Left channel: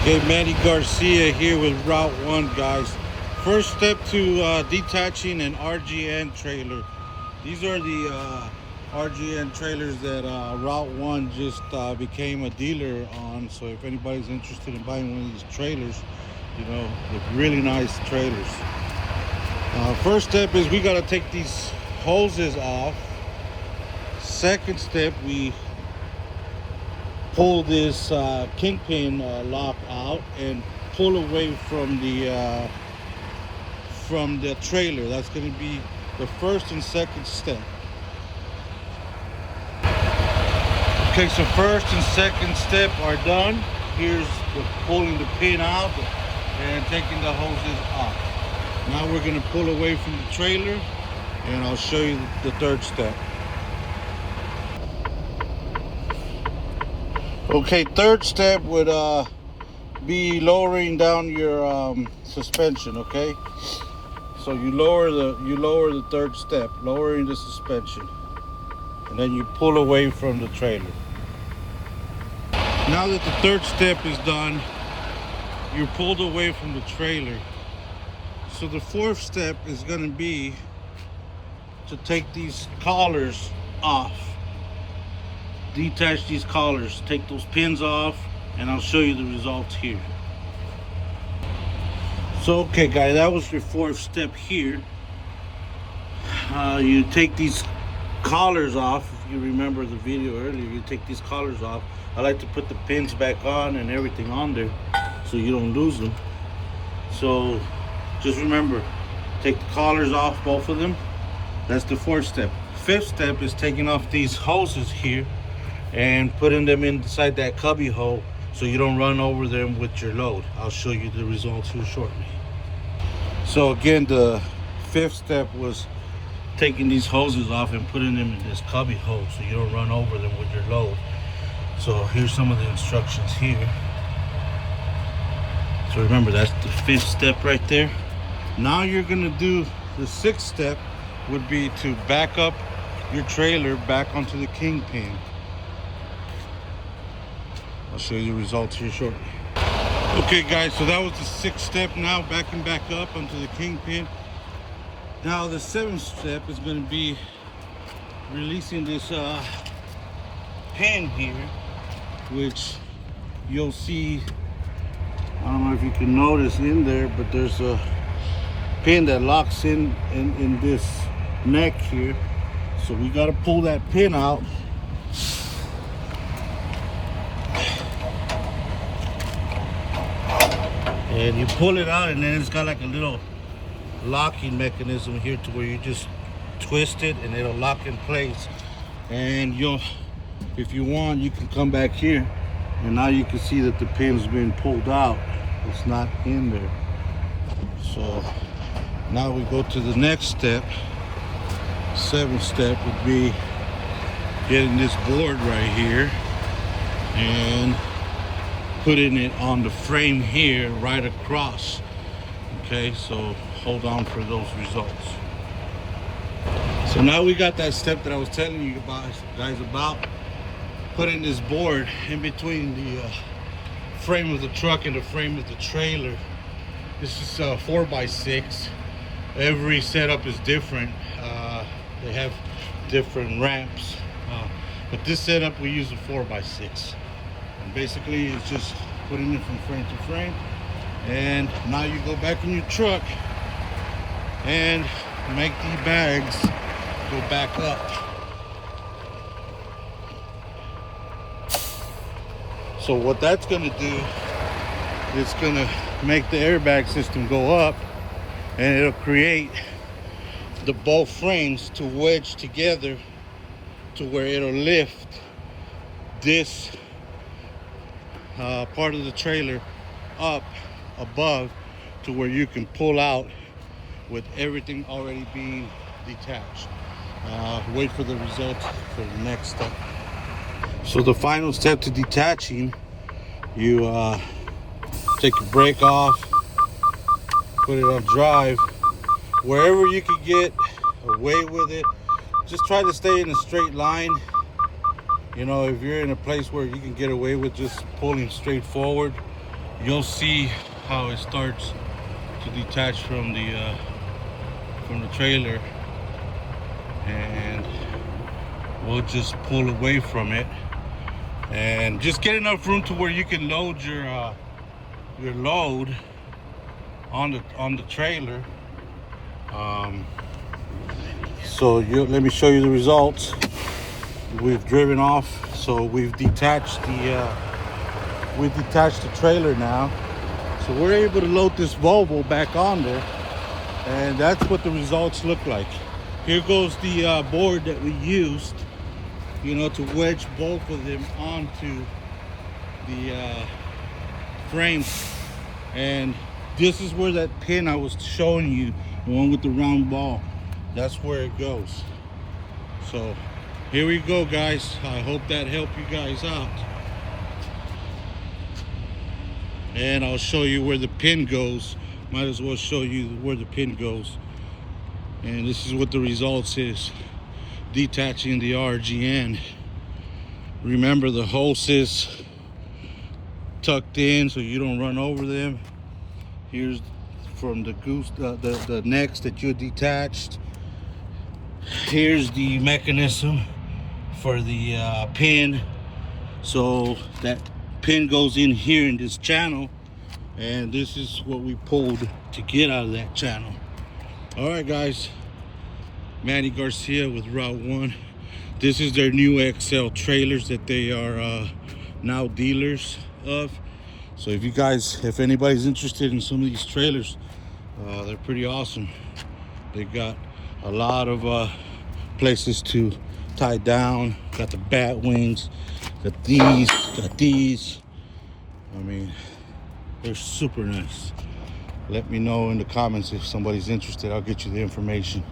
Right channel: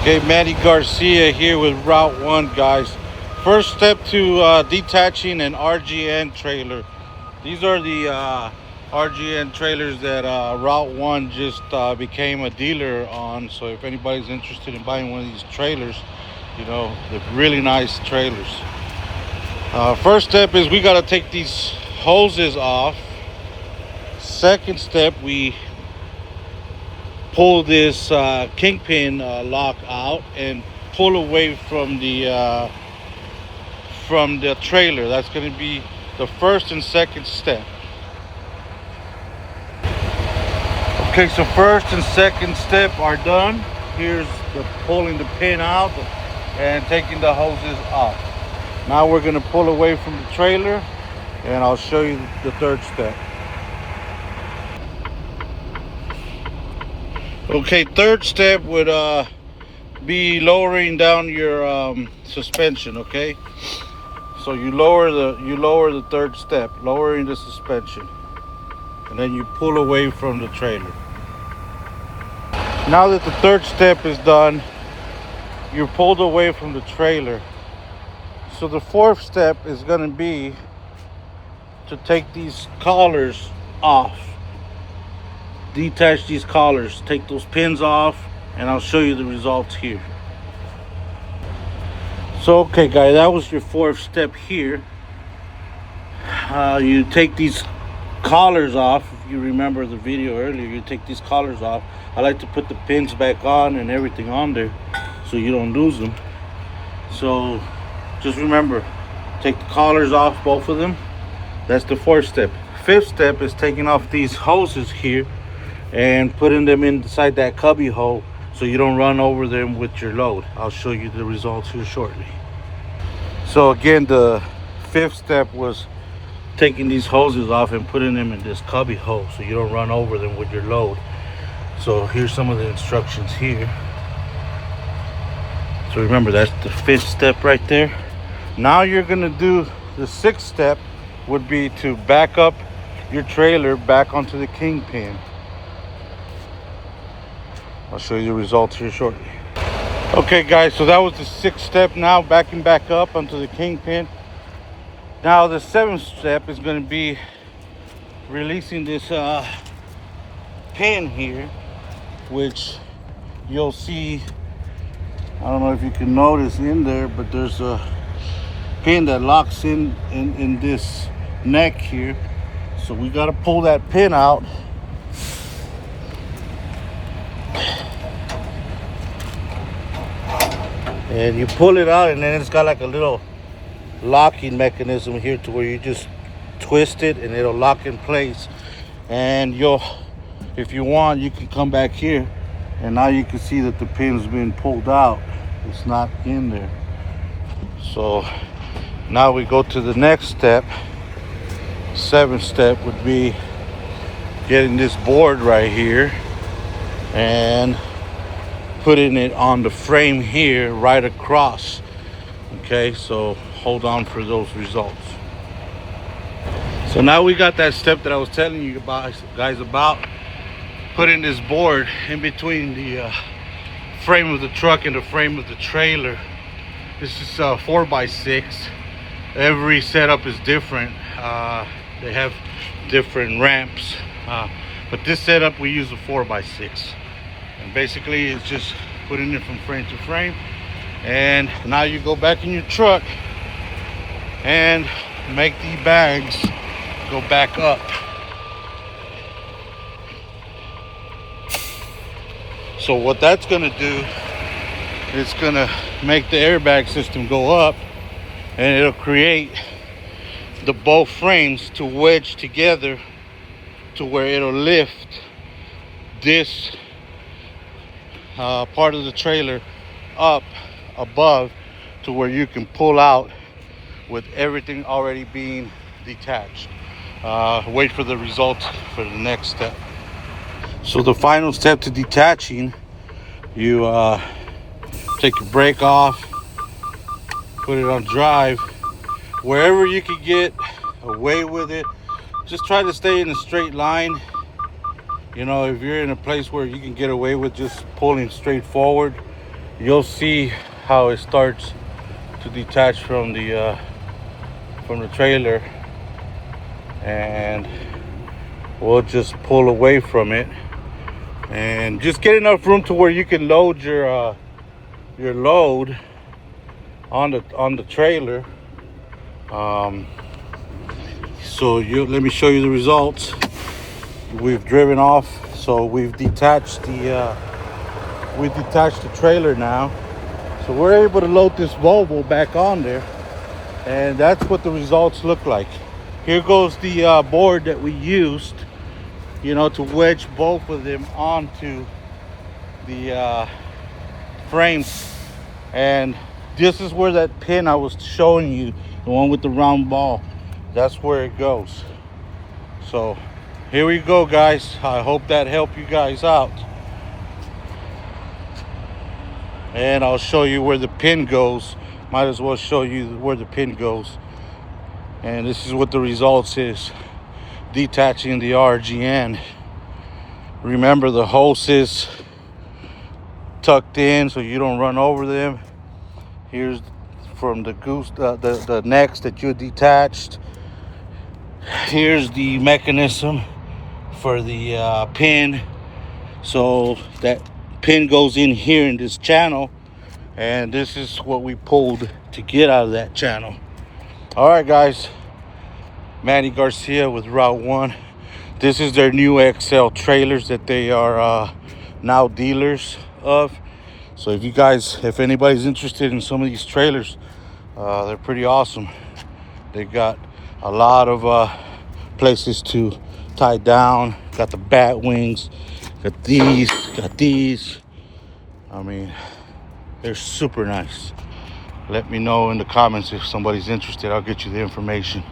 Okay, Manny Garcia here with Route 1, guys. First step to detaching an RGN trailer. These are the RGN trailers that Route 1 just became a dealer on. So if anybody's interested in buying one of these trailers, you know, they're really nice trailers. First step is we got to take these hoses off. Second step, we pull this kingpin lock out and pull away from the trailer. That's going to be the first and second step. Okay, so first and second step are done. Here's the pulling the pin out and taking the hoses off. Now we're going to pull away from the trailer, and I'll show you the third step. Okay, third step would be lowering down your suspension. Okay, so you lower the third step, lowering the suspension, and then you pull away from the trailer. Now that the third step is done, you're pulled away from the trailer. So the fourth step is going to be to take these collars off. Detach these collars, take those pins off, and I'll show you the results here. So okay guys, that was your fourth step here. You take these collars off. If you remember the video earlier, you take these collars off. I like to put the pins back on and everything on there so you don't lose them. So just remember, take the collars off, both of them. That's the fourth step. Fifth step is taking off these hoses here and putting them inside that cubby hole so you don't run over them with your load. I'll show you the results here shortly. So again, the fifth step was taking these hoses off and putting them in this cubby hole so you don't run over them with your load. So here's some of the instructions here. So remember, that's the fifth step right there. Now you're gonna do the sixth step, would be to back up your trailer back onto the kingpin. I'll show you the results here shortly. Okay guys, so that was the sixth step. Now backing back up onto the kingpin. Now the seventh step is going to be releasing this pin here, which you'll see, I don't know if you can notice in there, but there's a pin that locks in this neck here. So we got to pull that pin out. And you pull it out, and then it's got like a little locking mechanism here to where you just twist it and it'll lock in place. And if you want, you can come back here, and now you can see that the pin's been pulled out. It's not in there. So now we go to the next step. Seventh step would be getting this board right here and putting it on the frame here right across. Okay, so hold on for those results. So now we got that step that I was telling you about, guys, about putting this board in between the frame of the truck and the frame of the trailer. This is 4x6. Every setup is different. They have different ramps, but this setup we use a 4x6. And basically it's just putting it from frame to frame. And now you go back in your truck and make the bags go back up. So what that's going to do is going to make the airbag system go up, and it'll create the both frames to wedge together to where it'll lift this part of the trailer up above to where you can pull out with everything already being detached. Wait for the results for the next step. So the final step to detaching, you take your brake off, put it on drive, wherever you can get away with it. Just try to stay in a straight line. You know, if you're in a place where you can get away with just pulling straight forward, you'll see how it starts to detach from the trailer, and we'll just pull away from it and just get enough room to where you can load your load on the trailer. So let me show you the results. We've driven off, so we've detached the trailer now, so we're able to load this Volvo back on there, and that's what the results look like. Here goes the board that we used, you know, to wedge both of them onto the frames. And this is where that pin I was showing you, the one with the round ball, that's where it goes. So here we go, guys. I hope that helped you guys out. And I'll show you where the pin goes. Might as well show you where the pin goes. And this is what the results is. Detaching the RGN. Remember, the hose is tucked in so you don't run over them. Here's from the the necks that you detached. Here's the mechanism for the pin. So that pin goes in here in this channel, and this is what we pulled to get out of that channel. All right, guys. Manny Garcia with Route 1. This is their new XL trailers that they are now dealers of. So if anybody's interested in some of these trailers, they're pretty awesome. They got a lot of places to tie down. Got the bat wings, got these. I mean, they're super nice. Let me know in the comments if somebody's interested. I'll get you the information.